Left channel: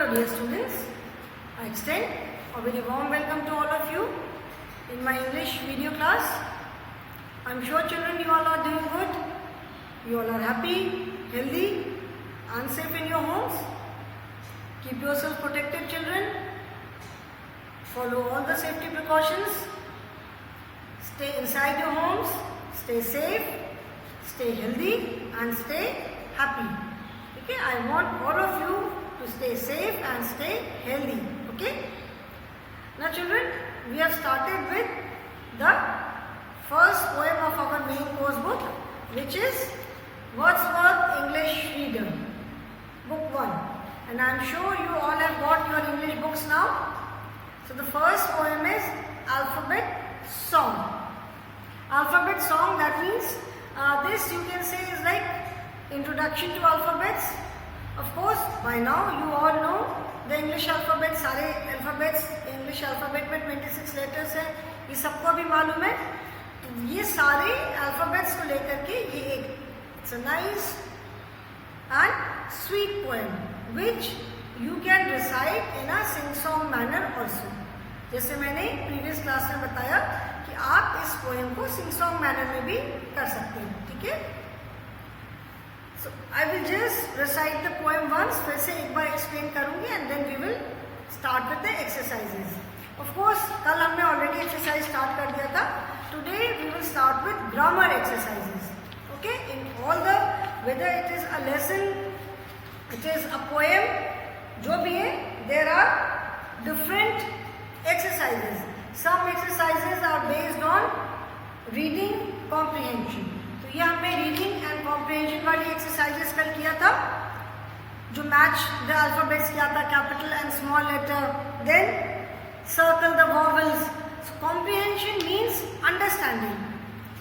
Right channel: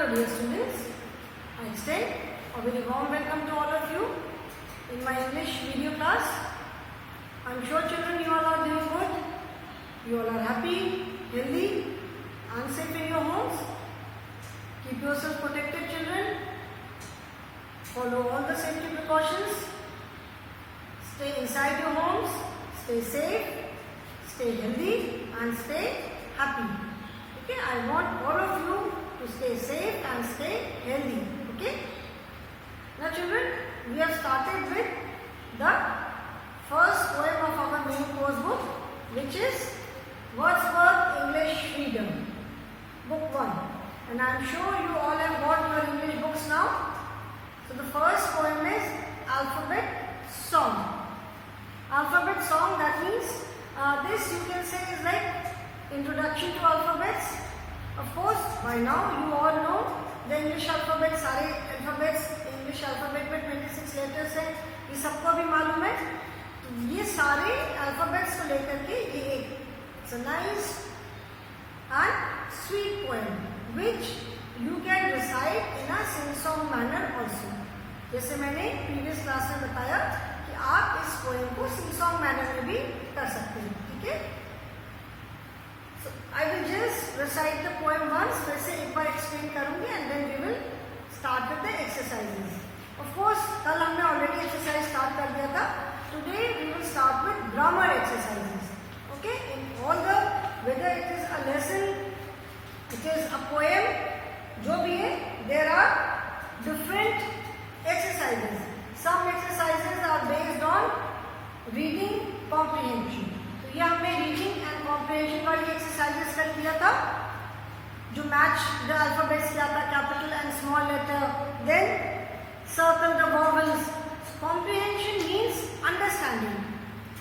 Hello dear students, I extend a very warm welcome to all of you in my English video class. I am sure children you all are doing good, you all are happy, healthy and safe in your homes. Keep yourself protected children, follow all the safety precautions, stay inside your homes, stay safe, stay healthy and stay happy. Okay, I want all of you to stay safe and stay healthy. Okay. Now children, we have started with the first poem of our main course book, which is Wordsworth English Reader, book 1. And I am sure you all have got your English books now. So the first poem is Alphabet Song. Alphabet Song, that means this you can say is like introduction to alphabets. Of course, by now you all know the English alphabet. सारे alphabets English alphabet में 26 letters हैं, ये सबको अभी मालूम है. तो ये सारे alphabets को लेकर के ये एक it's a nice and sweet poem which you can recite in a sing-song manner also. जैसे मैंने previous class में बताया कि आप इस poem को sing-song manner में भी कर सकते हैं. ठीक है? So I will just recite the poem once, फिर से एक बार explain करूँगी and then we will start with the exercises. Of course, कल हमने already exercise start कर दिया था. Today we will start with grammar exercises. Okay? In all the, whether it is a lesson, it is a poem, जो भी है, there are different exercises. Some exercises are based on reading comprehension. तो ये हमने reading and comprehension वाली exercises कल किया था, जो मैच द अल्फाबेट्स किया था, capital and small letter, then circle the vowels. Comprehension means understanding.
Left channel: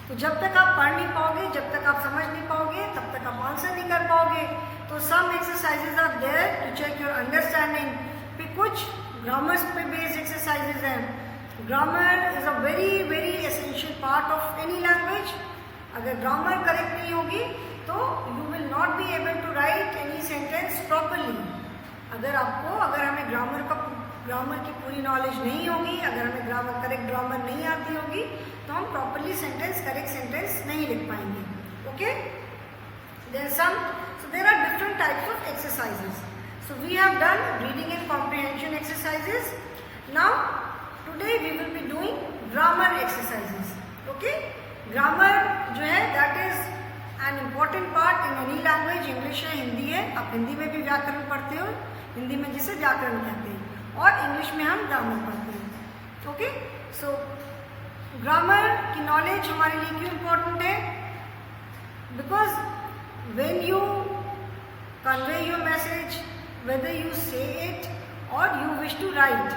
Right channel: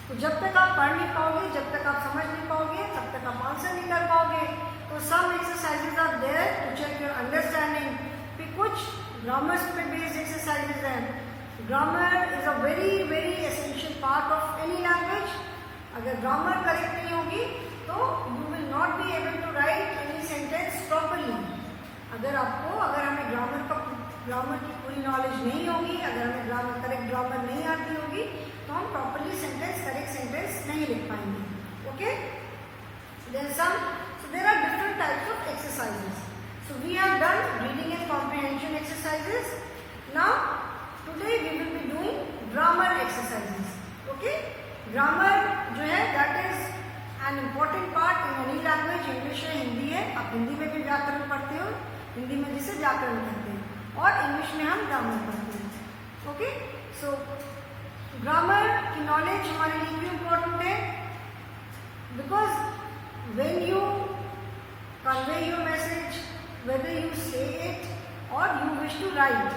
तो जब तक आप पढ़ नहीं पाओगे, जब तक आप समझ नहीं पाओगे, तब तक आप आंसर नहीं कर पाओगे. तो some exercises are there to check your understanding. फिर कुछ ग्रामर पे बेस्ड एक्सरसाइजेस हैं. Grammar is a very very essential part of any language. अगर ग्रामर करेक्ट नहीं होगी तो you will not be able to write any sentence properly. अगर हमें ग्रामर की पूरी नॉलेज नहीं होगी, अगर हमें करेक्ट ग्रामर नहीं आती होगी, तो हम प्रॉपरली करेक्ट सेंटेंस नहीं लिख पाएंगे. Okay, there are different types of exercises. So we have done reading and comprehension exercises. Now today we will be doing grammar exercises. Okay, grammar जो है that is an important part in any language. English है, हिंदी है, आप हिंदी में भी व्याकरण पढ़ते हो, हिंदी में जिसे व्याकरण कहते हैं, और इंग्लिश में हम ग्रामर पढ़ते हैं. ओके, सो ग्रामर की नॉलेज हमारे लिए क्यों इम्पोर्टेंट है? Because when you convey your message, whether you से इट और यू विश टू राइट,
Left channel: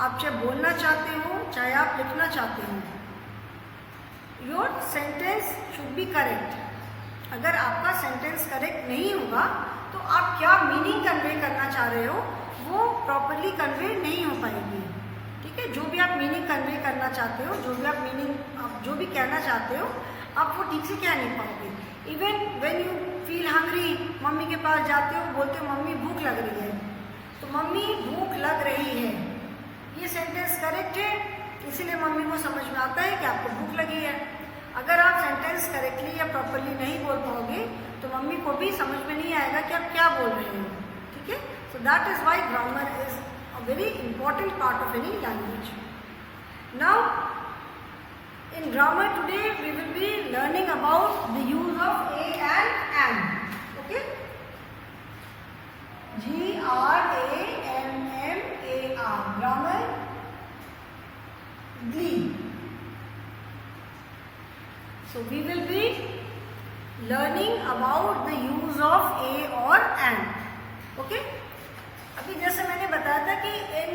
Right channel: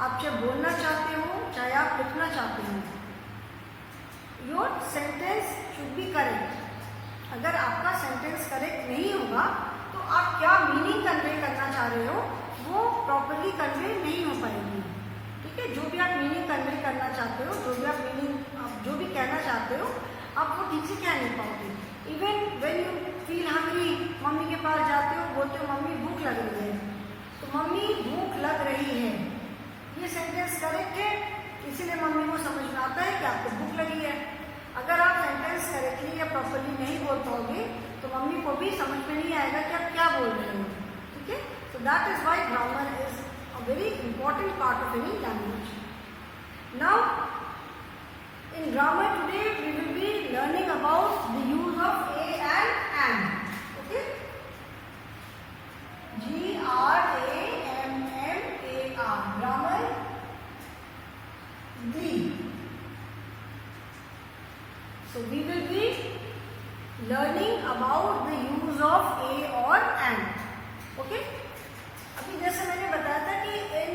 आप चाहे बोलना चाहते हो चाहे आप लिखना चाहते हो, your sentence should be correct. अगर आपका सेंटेंस करेक्ट नहीं होगा तो आप क्या मीनिंग कन्वे करना चाह रहे हो वो प्रॉपरली कन्वे नहीं हो पाएगी. ठीक है, जो भी आप मीनिंग कन्वे करना चाहते हो, आप जो भी कहना चाहते हो, आप वो ठीक से कह नहीं पाओगे. Even when you feel hungry, mummy के पास जाते हो, बोलते हो मम्मी भूख लग रही है, तो मम्मी भूख लग रही है, ये सेंटेंस करेक्ट है, इसीलिए मम्मी को समझ में आता है कि आपको भूख लगी है. अगर आप सेंटेंस करेक्टली या प्रॉपरली नहीं बोल पाओगे तो मम्मी को भी समझ में नहीं आएगा कि आप क्या बोल रहे हो. ठीक है, so that is why grammar is a very important part of any language. Now in grammar today we will be learning about the use of a and. Okay, GRAMMAR, grammar. So we will be learning about the use of a or and. Okay? अभी जैसे मैंने बताया था कि in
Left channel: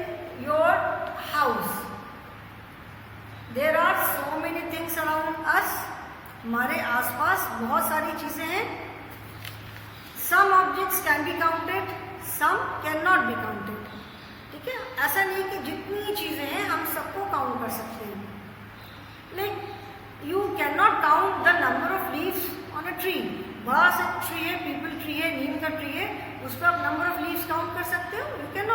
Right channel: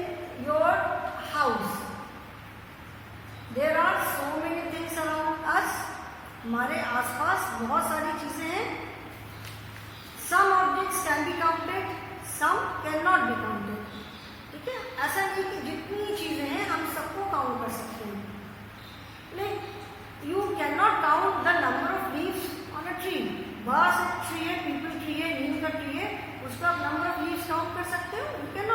your house there are so many things around us. हमारे आसपास बहुत सारी चीजें हैं. Some objects can be counted, some cannot be counted. ठीक है, ऐसा नहीं कि जितनी चीजें हैं हम सबको काउंट कर सकते हैं. Like you cannot count the number of leaves on a tree. बड़ा सा ट्री है, पीपल ट्री है, नीम का ट्री है, उस पर आप नंबर ऑफ लीव्स काउंट कर सकते हो? You can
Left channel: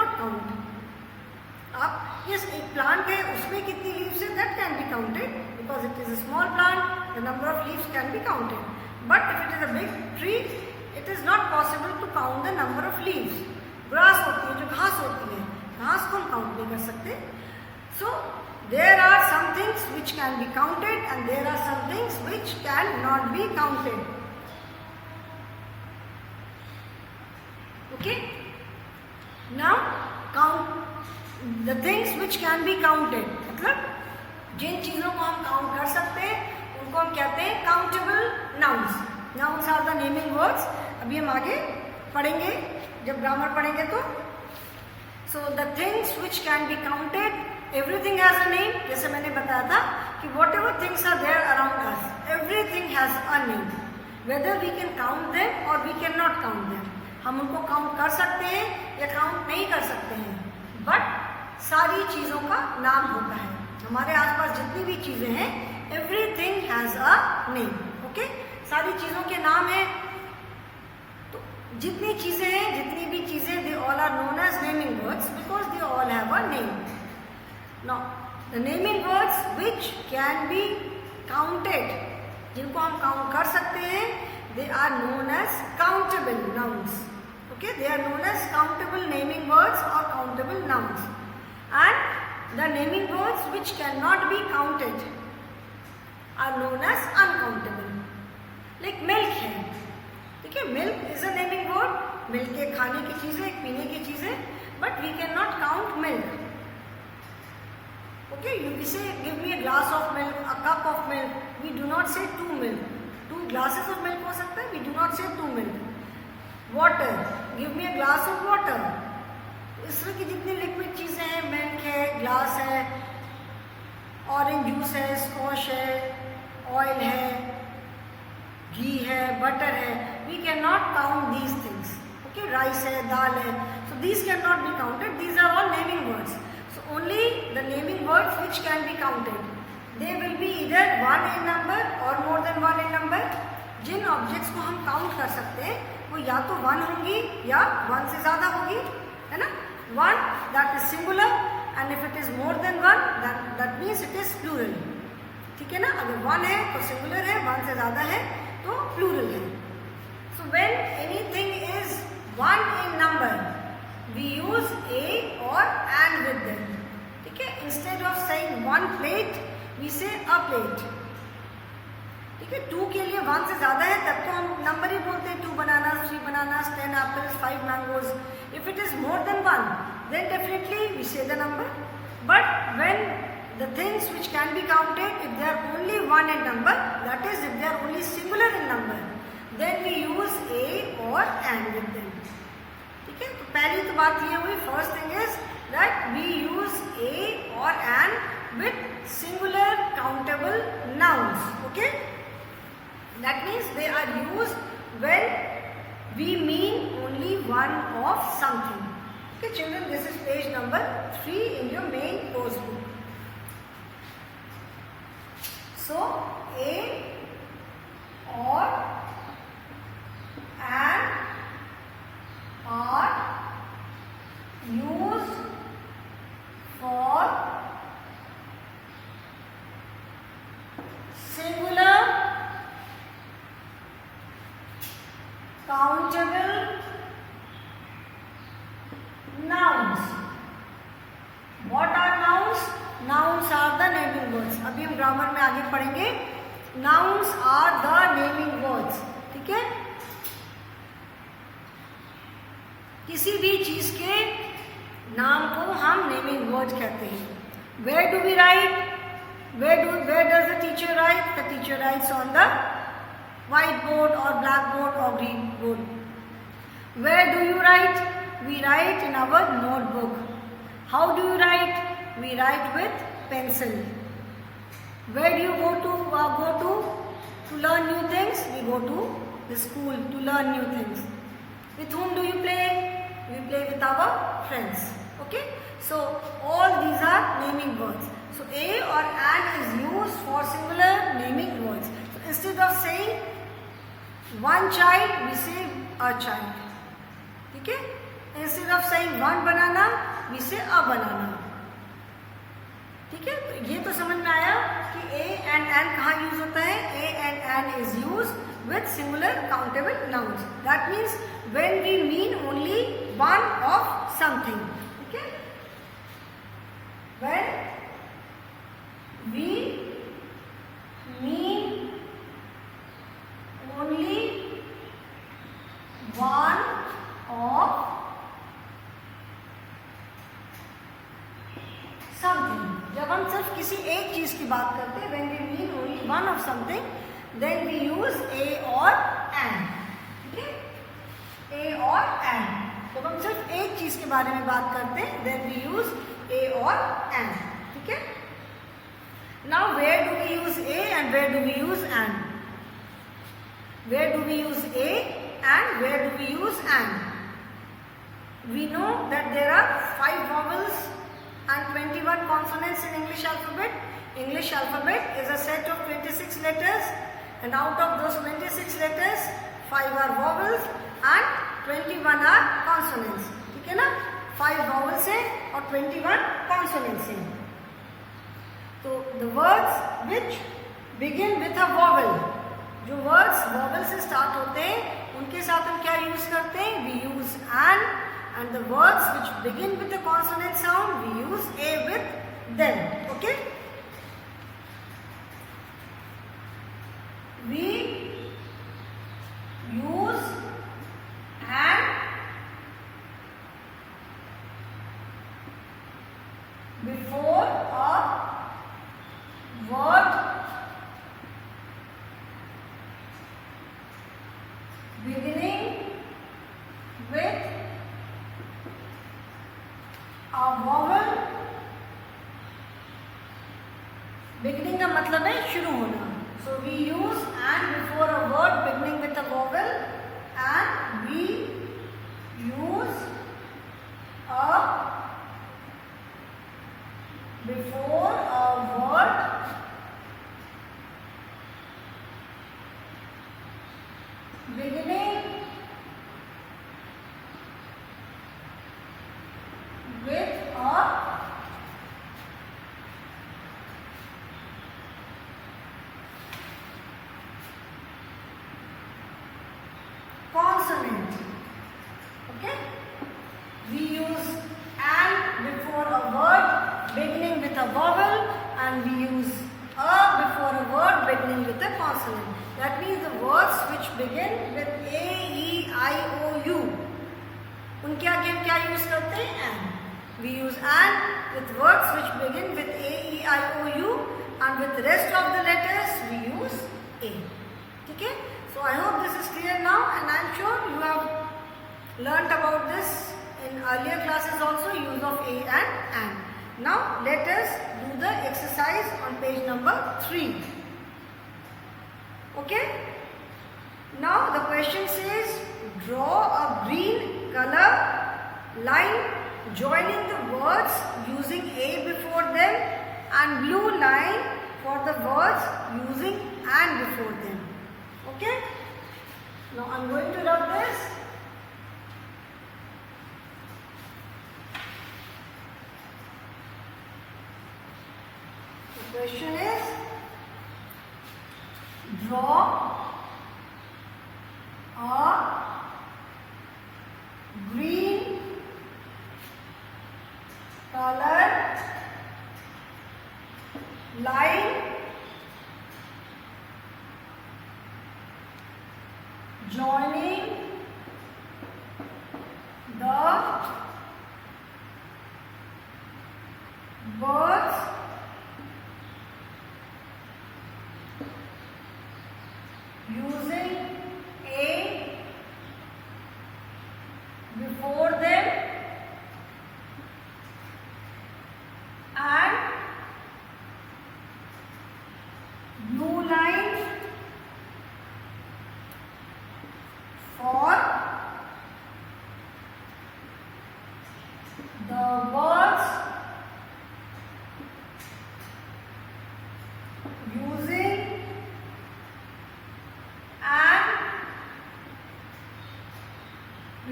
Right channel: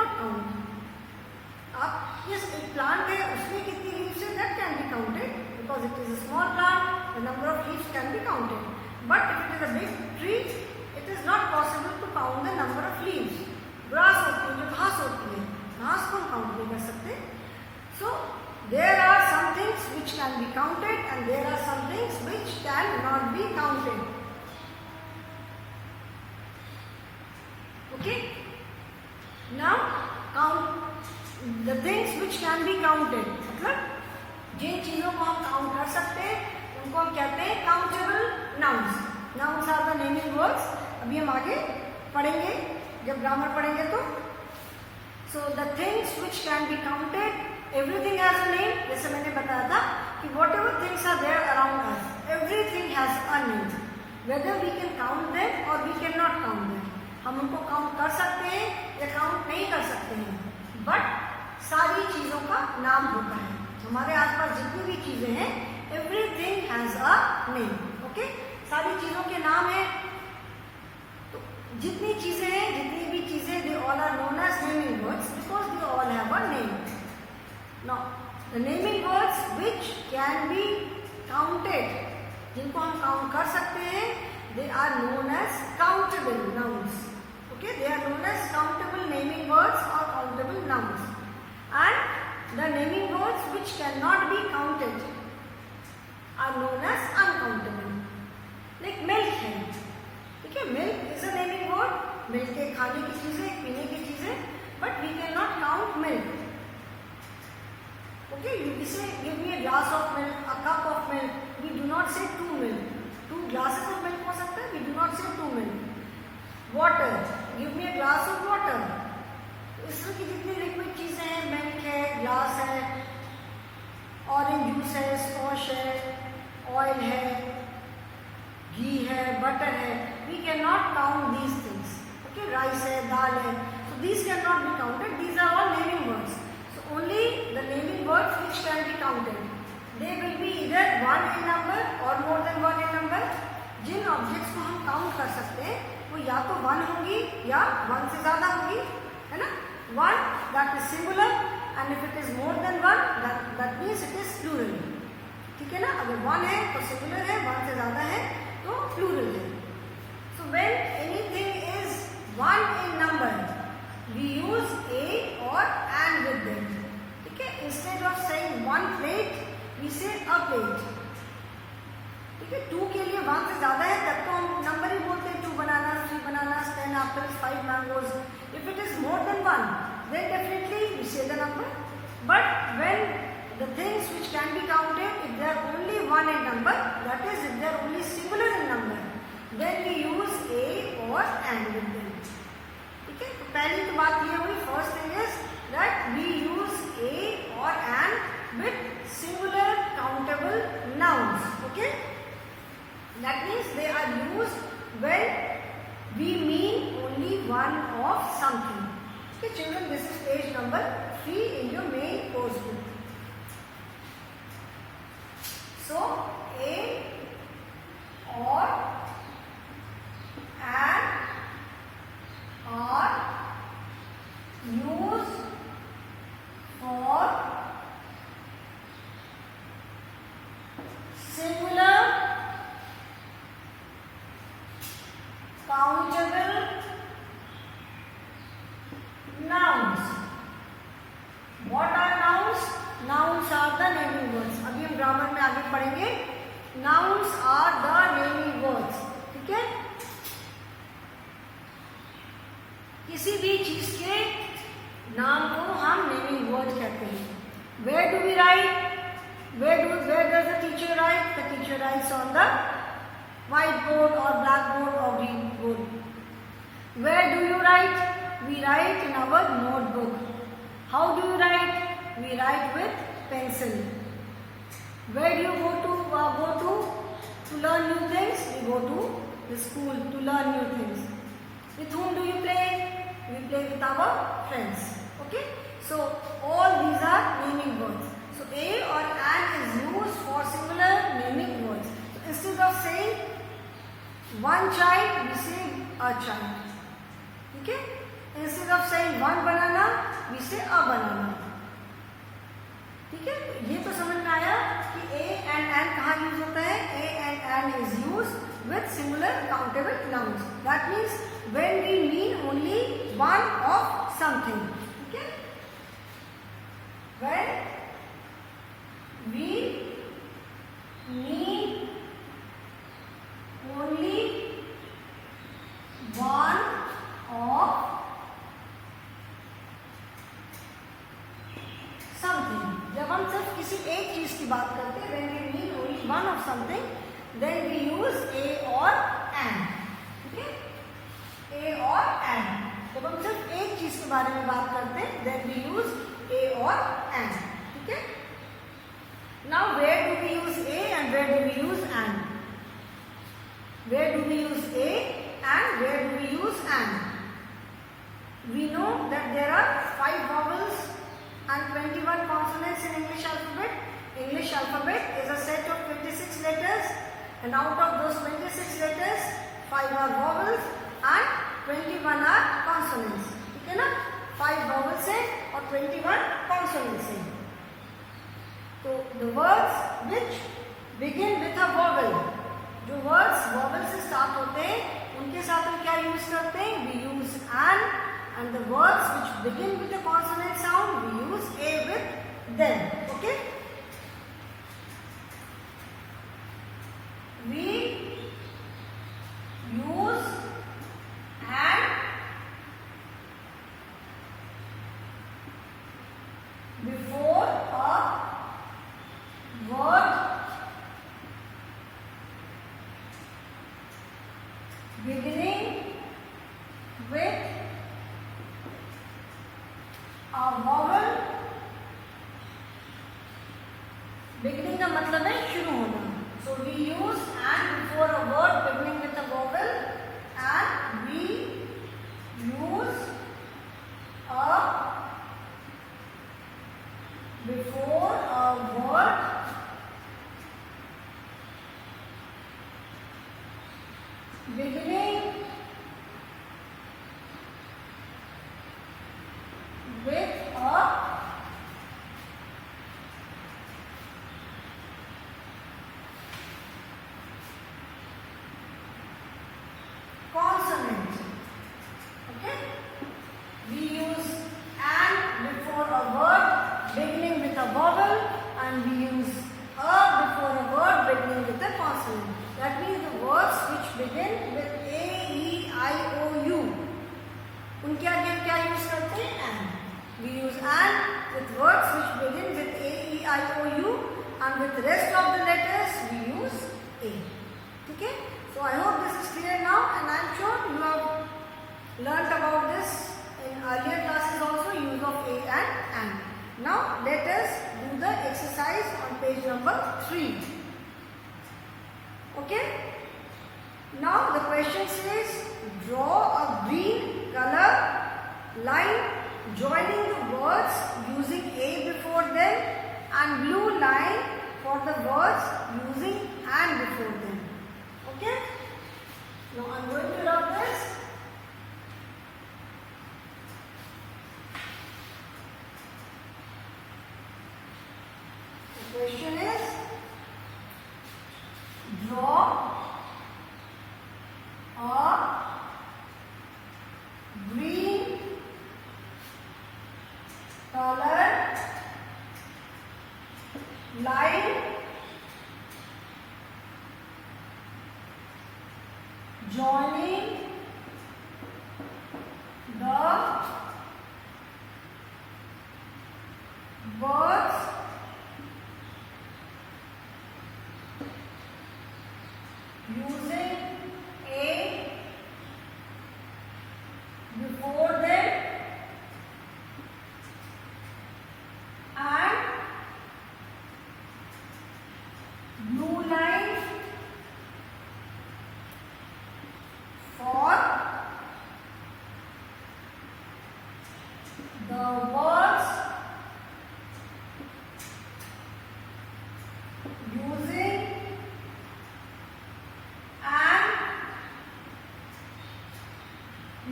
because it is a small plant, the number of leaves can be counted. But if it is a big tree, it is not possible to count the number of leaves. Grass होती है, जो घास होती है, घास को हम count नहीं कर सकते. So there are some things which can be counted and there are some things which cannot be counted. Okay? Now count the things which can be counted. मतलब जिन चीजों को हम काउंट कर सकते हैं उनको हम कहते हैं countable nouns. Nouns are the naming words. अभी हम आगे पढ़ेंगे जब ग्रामर पढ़ेंगे तो. So the things which can be counted, everything has a name. जैसे मैंने बताया था कि whatever things are there around us, everything has a name. Whether we can count them or we can not count them. हम उनको count कर सकते हैं या काउंट नहीं कर सकते हैं, बट सारी चीजों का नाम होता है. हमारे आसपास जितनी भी चीजें हैं, everything has a name. Okay, सारी चीजों के नाम है. तो जितनी चीजें हैं, जितनी भी चीजें, they all are known as naming words because they all have a name. Now the naming words which can be counted, जिनको हम काउंट कर सकते हैं, they are known as countable nouns. Okay, they are known as countable naming words or countable nouns. And the naming words which cannot be counted are known as uncountable. Like milk है, ठीक है. Milk is a naming word. Milk एक खाने की चीज है, एक पीने की चीज है, but we cannot count milk. Okay, you say give me a glass of milk, a cup of milk. We do not say 2 milk. 2 glasses of milk हो सकता है. We do not say 2 milk. Water, give me a glass of water. इस तरह की जितनी liquid चीजें हैं, milk है, ग्लास है, ऑरेंज जूस है, स्कॉश है, ऑयल है, घी है, बटर है, we can not count these things. Okay, rice है, दाल है, so these can not be counted. These are all naming words. So only the naming words which can be counted, they will be either 1 in number or more than 1 in number. जिन objects को हम count कर सकते हैं वो या तो 1 होंगी या 1 से ज्यादा होगी, है ना. 1 that is singular and if it is more than 1 that means it is plural. ठीक है ना. अगर 1 है तो singular है, 1 से ज्यादा है तो plural है. So when anything is 1 in number we use a or an with them. ठीक है. Instead of saying 1 plate we say a plate. ठीक है. 2 के लिए 1 से ज्यादा है तब तो हम नंबर ही बोलते हैं. 2 bananas, 3 bananas, 10 apples, 5 mangoes. If it is more than 1, then definitely we say the number. But when the things which can be counted, if they are only 1 in number, that is if they are only singular in number, then we use a or an with them. ठीक है. तो पहली तो बात ये हुई, first thing is that we use a or an with singular countable nouns. Okay. That means they are used when we mean only one of something. Okay children, this is page number 3 in your main course book. So a or an are used for singular countable nouns. What are nouns? Nouns are the naming words. अभी हम grammar में आगे पढ़ेंगे. Nouns are the naming words. ठीक है. किसी भी चीज के नाम को हम नेमिंग वर्ड कहते हैं. Where do we write? Where does the teacher write? The teacher writes on the whiteboard or blackboard or green board. Where do you write? We write in our notebook. How do you write? We write with pencil. Where do you go to learn new things? We go to the school to learn new things. With whom do you play? We play with our friends. Okay? So all these are naming words. So a or an is used for singular naming words. So instead of saying one child, we say a child. ठीक है. Instead of saying one banana, we say a banana. ठीक है, तो ये तो समझ में आया कि ए एंड एन कहाँ यूज होता है. A and an is use with singular countable nouns. That means when we mean only one of something. Okay? When we mean only one of something. जब हम सिर्फ किसी एक चीज की बात करते हैं, when we mean only one of something, then we use a or an. ठीक है, a or an. जब हम सिर्फ एक चीज के बारे में बात करते हैं, then we use a or an. ठीक है. Now where do we use a and where do we use an? Where do we use a and where do we use an? We know that there are 5 vowels and 21 consonants in English alphabet. English alphabet is a set of 26 letters. And out of those 26 letters, 5 are vowels and 21 are consonants. ठीक है ना, 5 vowels है और 21 consonants है. तो the words which begin with a vowel, जो words vowel से start होते हैं, उनके साथ हम क्या use करते हैं? We use an. And the words which begin with a consonant sound, we use a with them. Okay? We use and before a word beginning with a vowel. Beginning का मतलब है शुरू होना. So we use and before a word beginning with a vowel, and we use a before a word beginning with a consonant. Okay? We use and before a word beginning with a vowel, and we use a before a word beginning with a consonant. That means the words which begin with A, E, I, O, U, उनके आगे हम क्या use करते हैं? And. We use and with words which begin with A, E, I, O, U, and with the rest of the letters we use A. ठीक है? So I hope this is clear now, and I am sure you have learnt about this in earlier classes also, use of a and an. Now let us do the exercise on page number 3. Okay? Now the question says, draw a green color line joining the words using a before them and blue line for the words using and before them. Okay? Now I am going to rub this. The question is, draw a green color line joining the words using a before them and blue line for the words using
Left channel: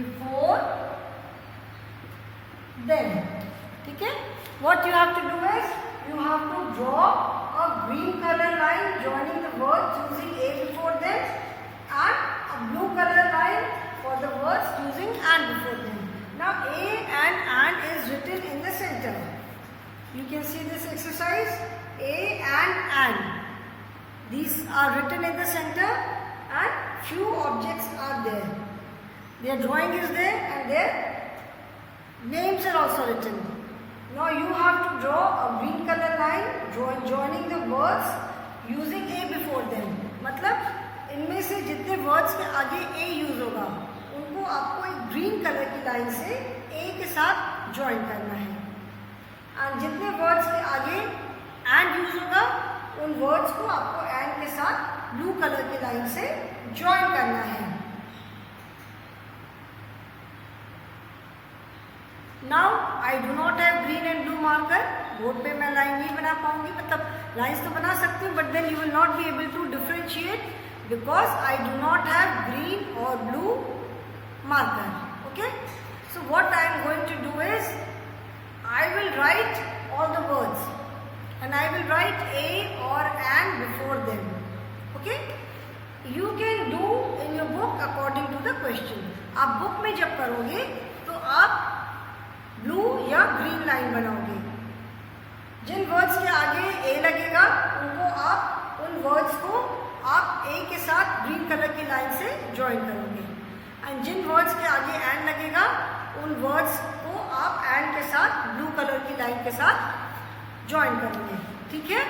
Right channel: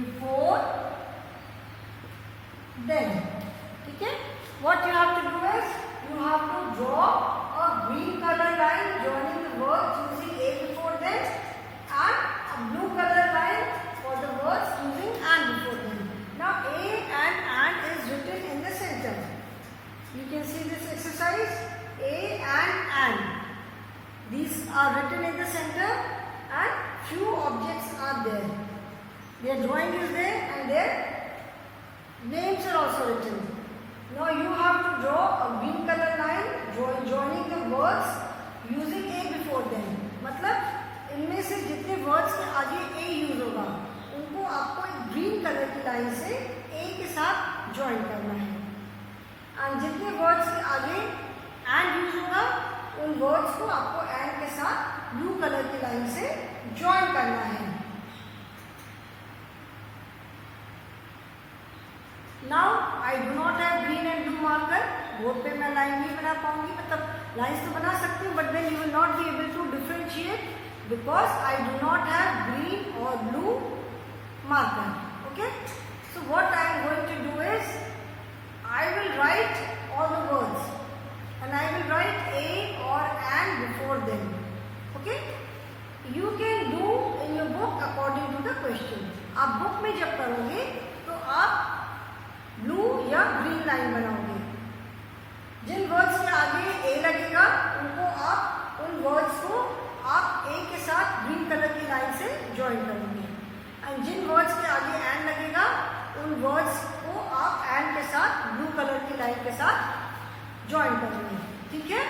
and before them. ठीक है? What you have to do is, you have to draw a green color line joining the words using A before them and a blue color line for the words using and before them. Now A and is written in the center. You can see this exercise, A and. These are written in the center and few objects are there. Their drawing is there and their names are also written. Now you have to draw a green color line joining the words using A before them. मतलब इनमें से जितने words के आगे A use होगा उनको आपको एक ग्रीन कलर की लाइन से A के साथ ज्वाइन करना है और जितने वर्ड्स के आगे एंड यूज होगा उन वर्ड्स को आपको एंड के साथ ब्लू कलर की लाइन से ज्वाइन करना है. Now I do not have green and blue marker. Board पे मैं लाइन नहीं बना पाऊंगी, मतलब लाइन्स तो बना सकती हूँ but then you will not be able to differentiate because I do not have green or blue marker. Okay, so what I am going to do is I will write all the words and I will write A or and before them. Okay, you can do in your book according to the question. आप book में जब करोगे तो आप blue या green line बनाओगे. जिन words के आगे A लगेगा उनको आप उन वर्ड्स को आप A के साथ ग्रीन कलर की लाइन से ज्वाइन करोगे एंड जिन वर्ड्स के आगे एंड लगेगा उन वर्ड्स को आप एंड के साथ ब्लू कलर की लाइन के साथ ज्वाइन करेंगे. ठीक है,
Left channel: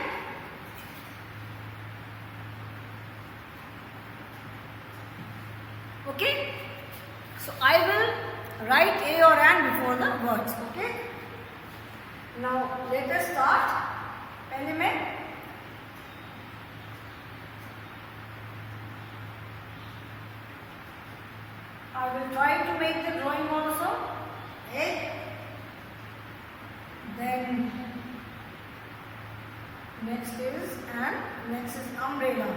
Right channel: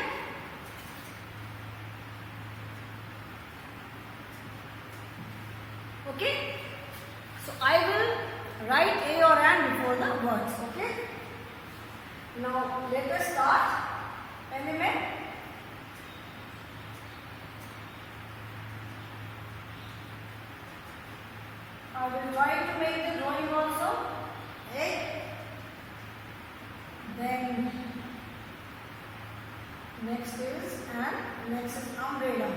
okay. So I will write a or an before the words. Okay, now let us start. पहले मैं I will try to make the drawing also. Egg, then next is and next is umbrella.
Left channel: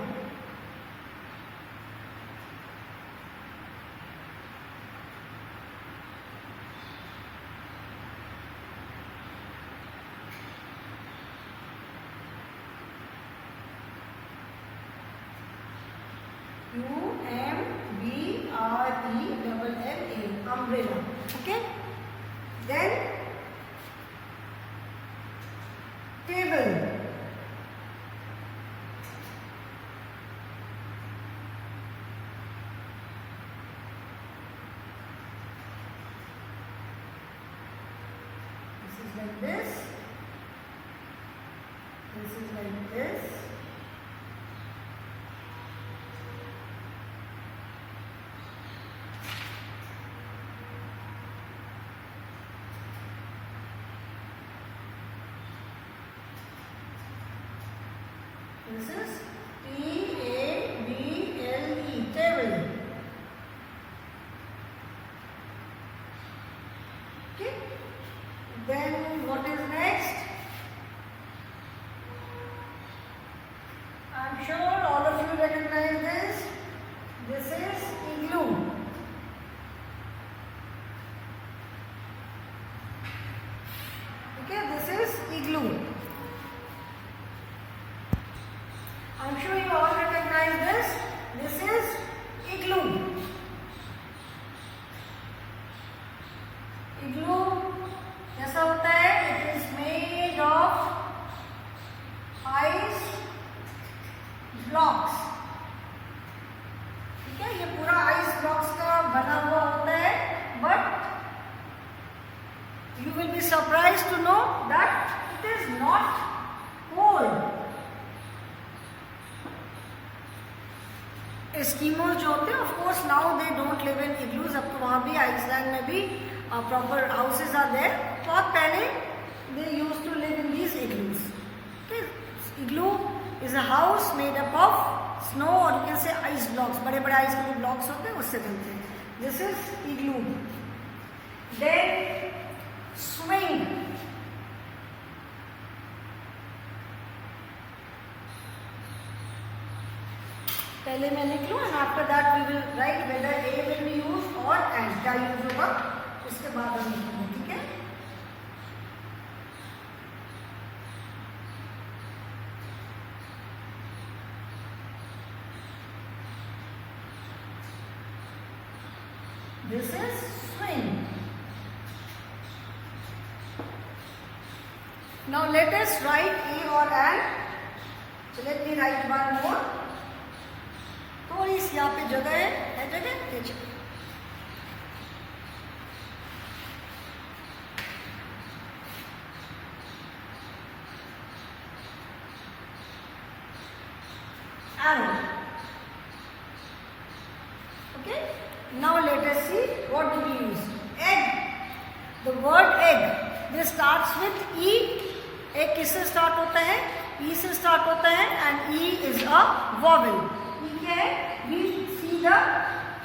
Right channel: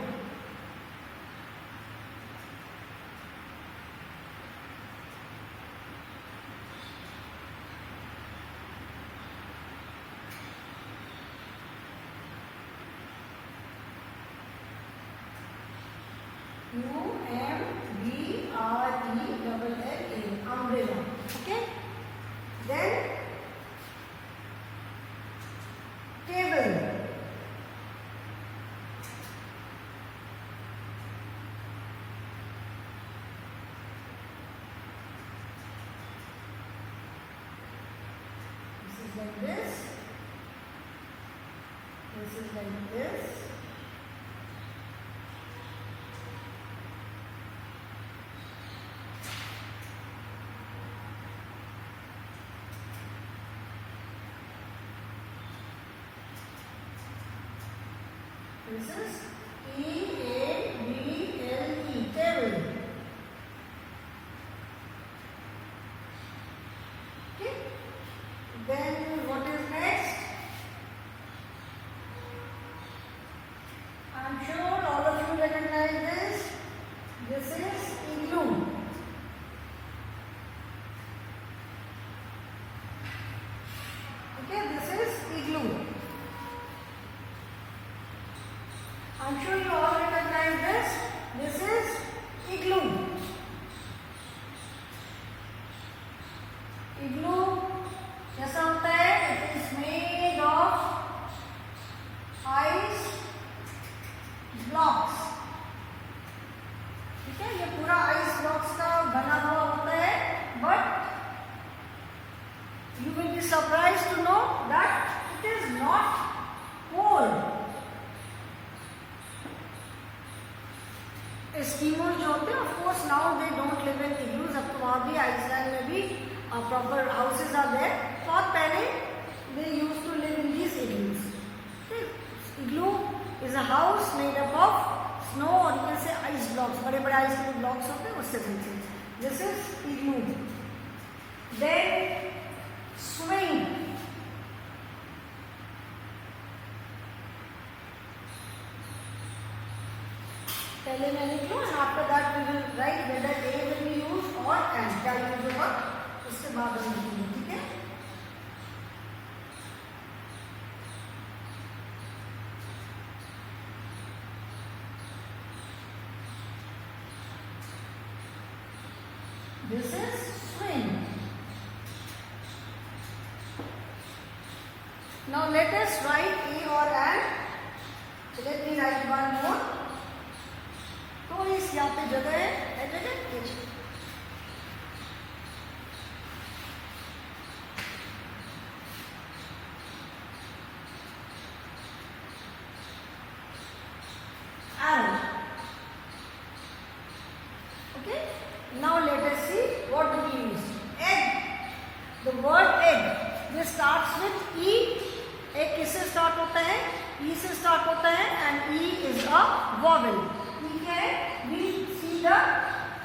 U-M-B-R-E-L-L-A, umbrella. Okay, then table. This is like this. This is like this. This is T-A-B-L-E, table. Okay. Then what is next? I'm sure all of you recognize this. This is igloo. Okay, this is igloo. I'm sure you all recognize this. This is igloo. Igloo कैसा होता है? It is made of ice blocks. ठीक है, ये पूरा ice blocks का बना हुआ होता है. But you will be surprised to know that it is not cold. Eskimos जो होते हैं of course now they don't live in igloos. अब तो वहाँ भी आइसलैंड में भी प्रॉपर हाउसेज आर देयर. तो आप पहले they use to live in these igloos. Igloo is a house made up of snow or you can say ice blocks. बड़े बड़े आइस के ब्लॉक्स होते हैं उससे बनते हैं. This is igloo. Then swing. पहले मैं लिख लूँ and after that we will write whether a will be use or an क्या यूज होगा उसके बाद हम लिखेंगे. ठीक है, This is swing. Now let us write A or an. So let me write one more. थोड़ी सी यहाँ पे जगह है जगह नीचे. Arrow. Okay. Now let us see what do we use. Egg. The word egg. This starts with E. Egg किससे start होता है? E से start होता है and E is a vowel. ठीक है? We see the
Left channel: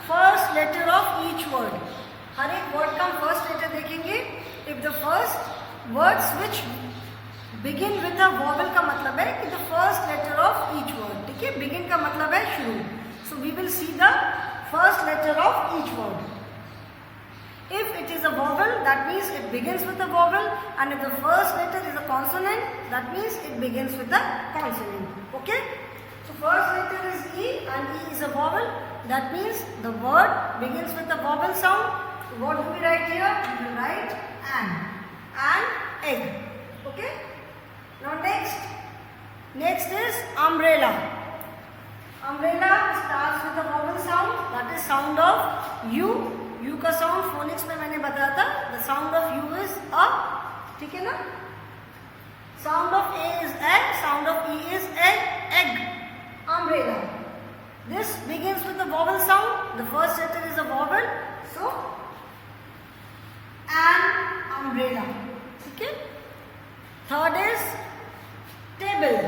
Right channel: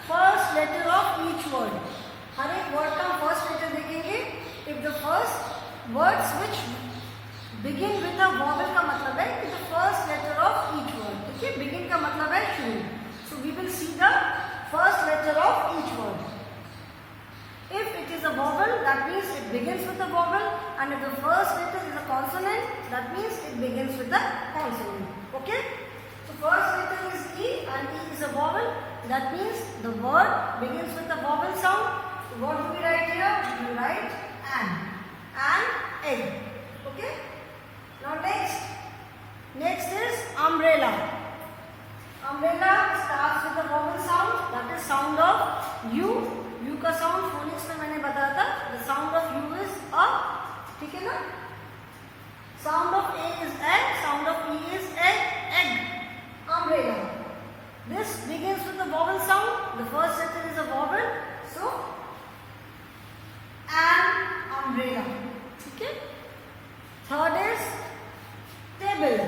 first letter of each word. हर एक word का first letter देखेंगे. If the first words which begin with a vowel का मतलब है कि the first letter of each word. ठीक है? Begin का मतलब है शुरू. So we will see the first letter of each word. If it is a vowel, that means it begins with a vowel, and if the first letter is a consonant, that means it begins with a consonant. Okay? So first letter is E, and E is a vowel. That means the word begins with a vowel sound. So what do we write here? We write an egg. Okay? Now next is umbrella. Umbrella starts with a vowel sound, that is sound of U. U का sound phonics में मैंने बताया था. The sound of U is a. ठीक है ना? Sound of A is egg, sound of E is egg. Umbrella. This begins with a vowel sound. The first letter is a vowel. So, an umbrella. Okay? Third is table.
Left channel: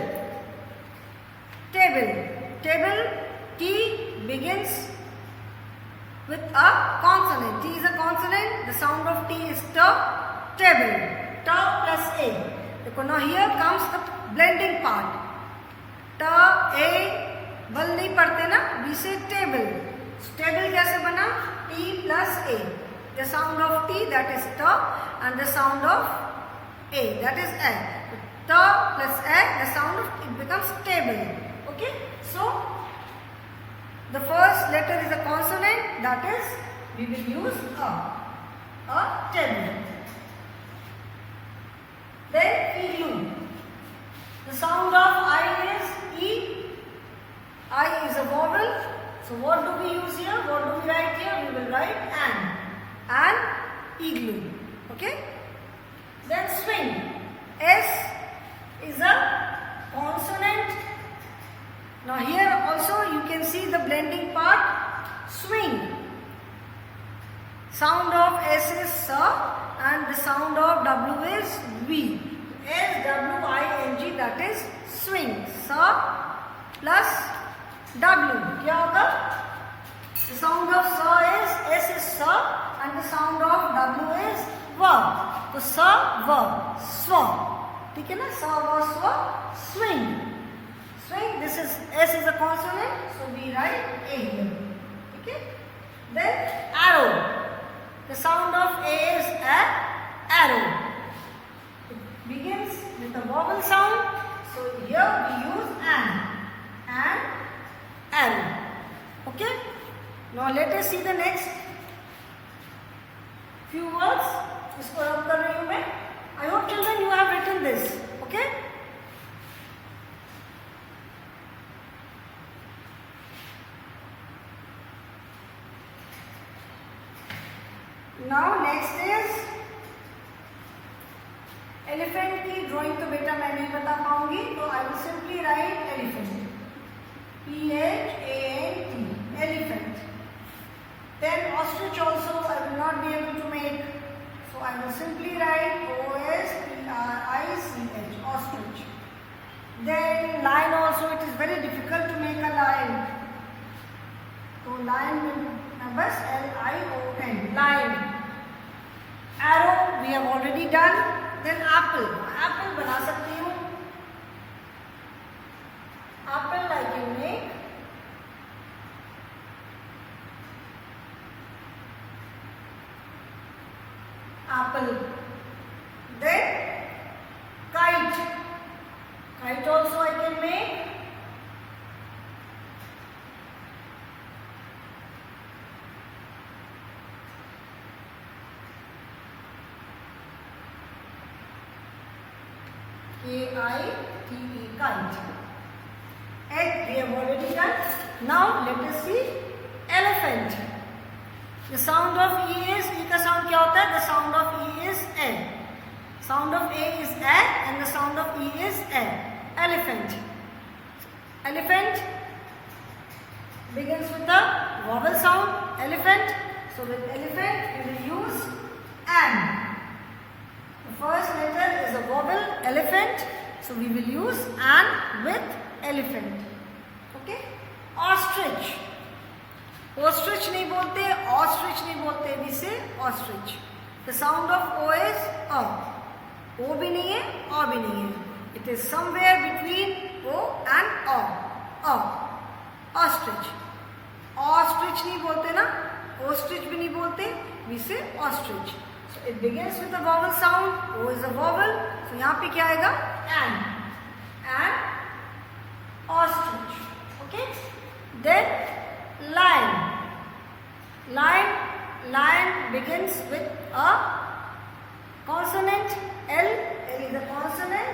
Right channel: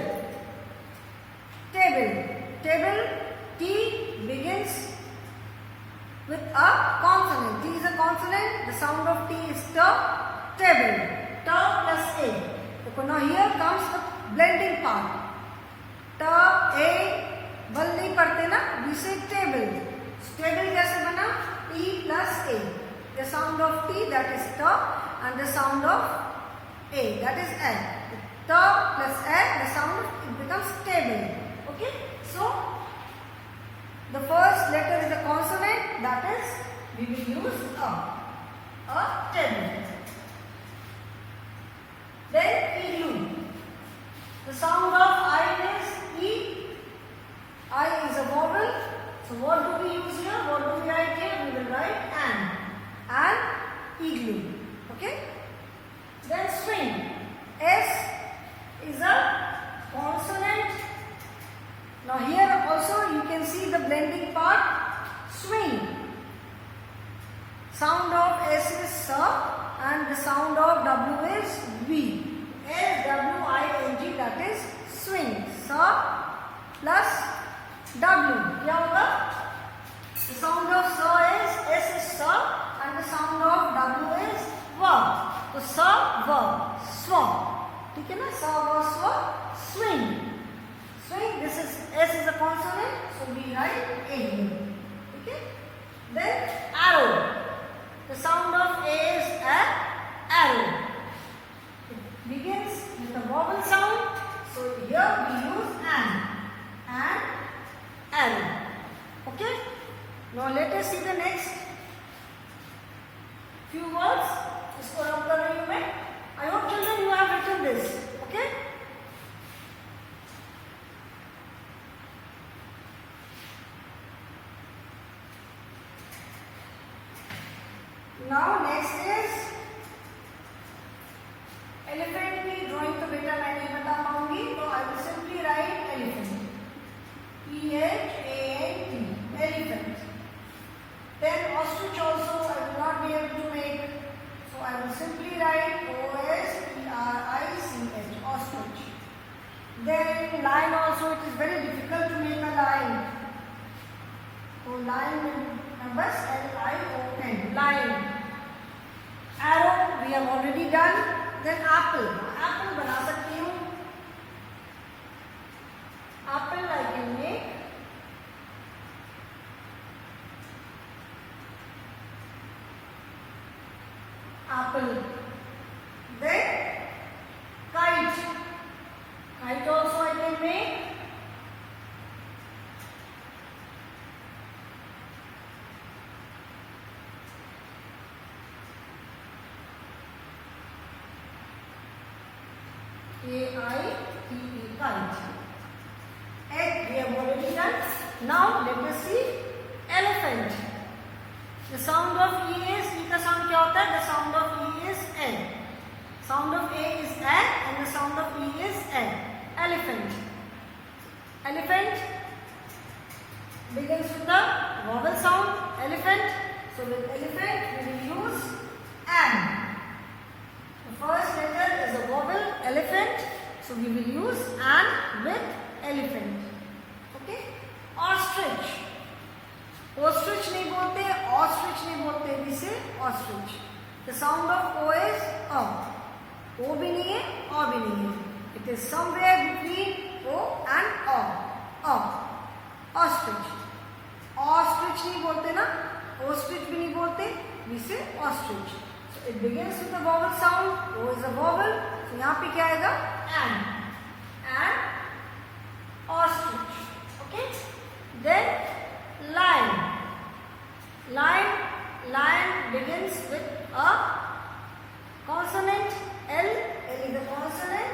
Table. T begins with a consonant. T is a consonant. The sound of T is T. Table. T plus A. Now here comes the blending part. T, A, बल नहीं पढ़ते ना? We say table. Table कैसे बना? T plus A. The sound of T, that is T, and the sound of A, that is A. T plus A, the sound of it becomes table. Okay? So the first letter is a consonant, that is we will use a table. Then igloo. The sound of I is E. I is a vowel. So what do we use here? What do we write here? We will write an igloo. Okay? Then swing. S is a consonant. Now here also you can see the blending part. Swing. Sound of S is sa and the sound of W is V. S-W-I-N-G, that is swing. Sa plus W. क्या होगा? The sound of sa is S is sa and the sound of W is va. तो sa va swa. ठीक है ना? Sa va swa swing. Swing. This is S is a consonant, so we write A here. Okay. Then arrow. The sound of A is a arrow. It begins with a vowel sound, so here we use an arrow. Okay. Now let us see the next few words. इसको रब कर रही हूँ मैं. I hope children you have written this. Okay. Now next is elephant की drawing तो बेटा मैं नहीं बता पाऊंगी, तो I will simply write elephant. E-H-A-N-T, elephant. Then ostrich also I will not be able to make, so I will simply write O-S-T-R-I-C-H, ostrich. Then lion also, it is very difficult to make a lion. So lion numbers L-I-O-N, lion. Arrow we have already done. Then apple. Apple बना सकती हूँ. Apple I can make. Apple. Then kite. Kite also I can make. K-I-T-E, kite. Egg we have already done. Now let us see elephant. The sound of E is, E का sound क्या होता है? The sound of E is egg. Sound of A is egg and the sound of E is egg. Elephant. Elephant begins with the vowel sound. Elephant. So with elephant we will use an. The first letter is a vowel, elephant. So we will use an with elephant. Okay? Ostrich. Ostrich नहीं बोलते, ostrich नहीं बोलते, we say ostrich. The sound of O is O. O भी नहीं है, O भी नहीं है. It is somewhere between O and O. O. Ostrich. Ostrich नहीं बोलते ना, ostrich भी नहीं बोलते, we say ostrich. So it begins with a vowel sound. O is a vowel. तो यहाँ पे क्या आएगा? An. Ostrich. Okay? Then lion. Lion begins with a consonant. L. L is a consonant.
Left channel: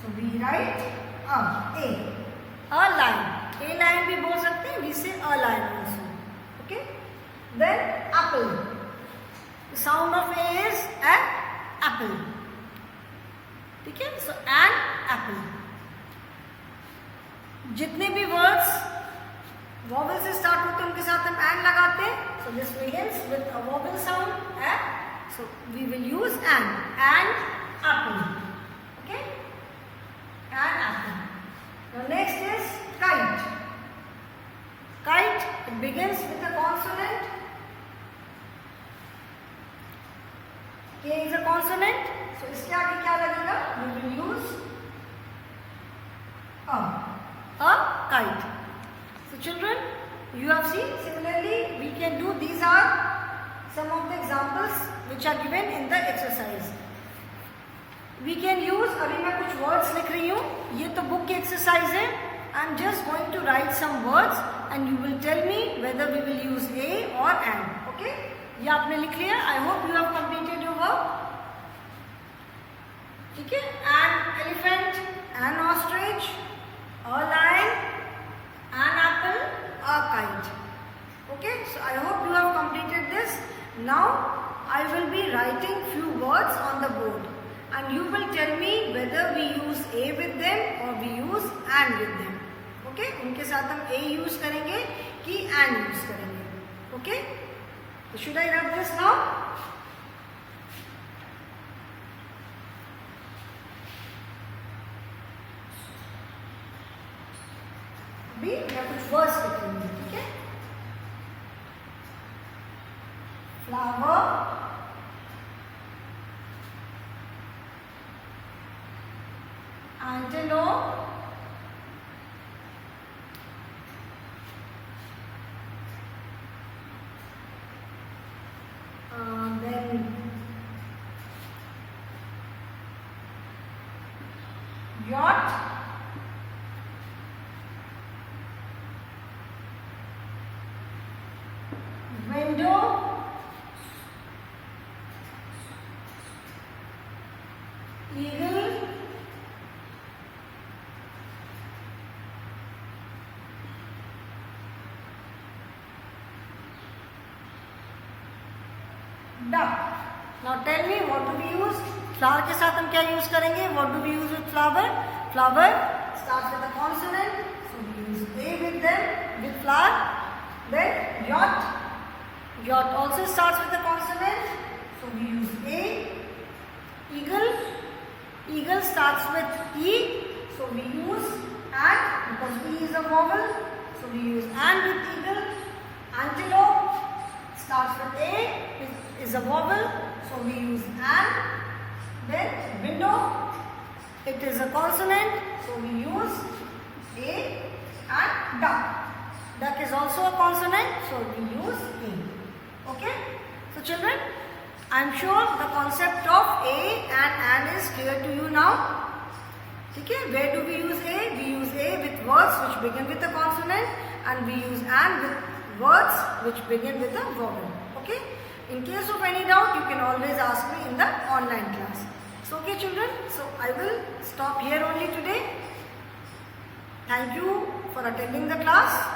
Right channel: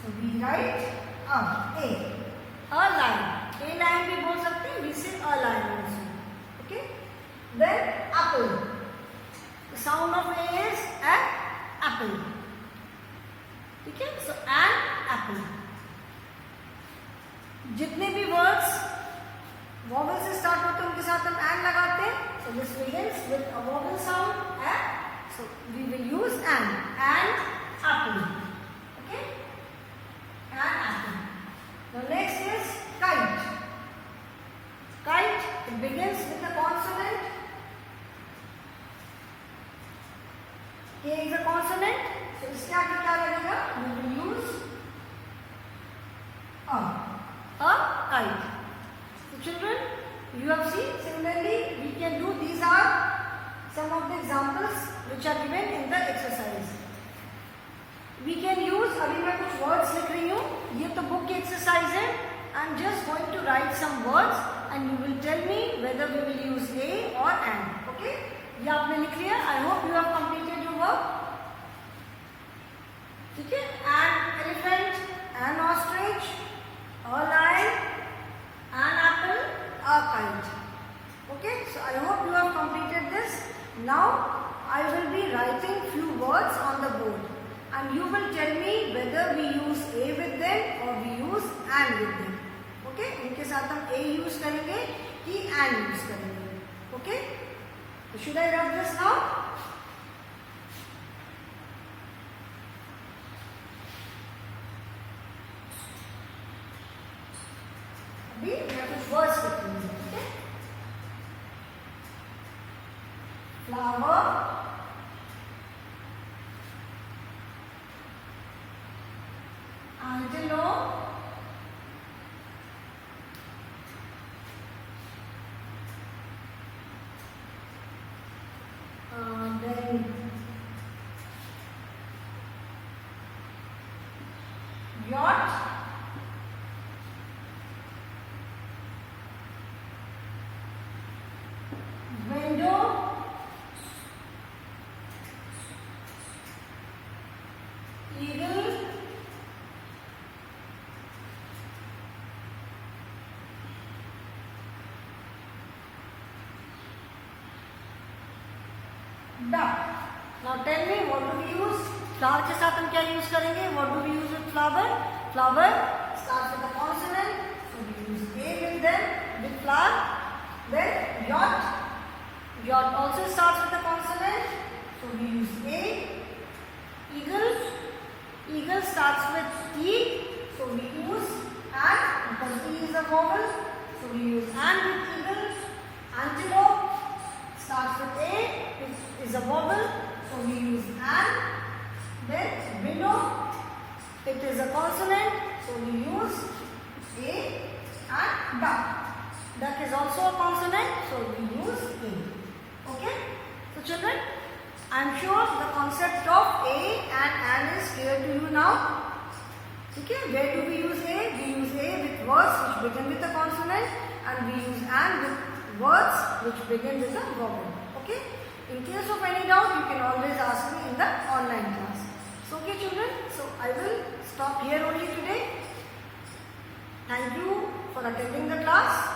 So we write A. A lion. A lion भी बोल सकते हैं. We say a lion also. Okay? Then apple. The sound of A is an apple. Okay? So an apple. जितने भी words vowel से start होते हैं उनके साथ हम एन लगाते हैं. So this begins with a vowel sound an. So we will use an apple. Okay? An apple. The next is kite. Kite it begins with a consonant. K is a consonant. So इसके आगे क्या लगेगा? We will use a kite. So children, you have seen, similarly we can do, these are some of the examples which are given in the exercise. We can use, अभी मैं कुछ words लिख रही हूँ, ये तो book की exercise है. I am just going to write some words and you will tell me whether we will use a or an. Okay? ये आपने लिख लिया. I hope you have completed your work. ठीक है? An elephant, an ostrich, a lion, an apple, a kite. Okay, so I hope you have completed this. Now I will be writing few words on the board and you will tell me whether we use a with them or we use an with them. Okay, उनके साथ हम a use करेंगे कि an use करेंगे. Okay, so should I rub this now? We have कुछ words लिखेंगे. Okay? Flower, antelope, then yacht, window, eagle, duck. Now tell me, what do we use? Flower के साथ हम क्या use करेंगे? What do we use with flower? Flower starts with a consonant, so we use a with them, with flower. Then yacht. Yacht also starts with a consonant, so we use a. Eagle. Eagle starts with e, so we use an because e is a vowel, so we use an with eagle. Antelope starts with a, which is a vowel, so we use an. Then window, it is a consonant, so we use a. And duck. Duck is also a consonant, so we use a. Okay? So children, I am sure the concept of a and an is clear to you now. Okay? Where do we use a? We use a with words which begin with a consonant and we use an with words which begin with a vowel. Okay? In case of any doubt, you can always ask me in the online class. So okay children, so I will stop here only today. Thank you for attending the class.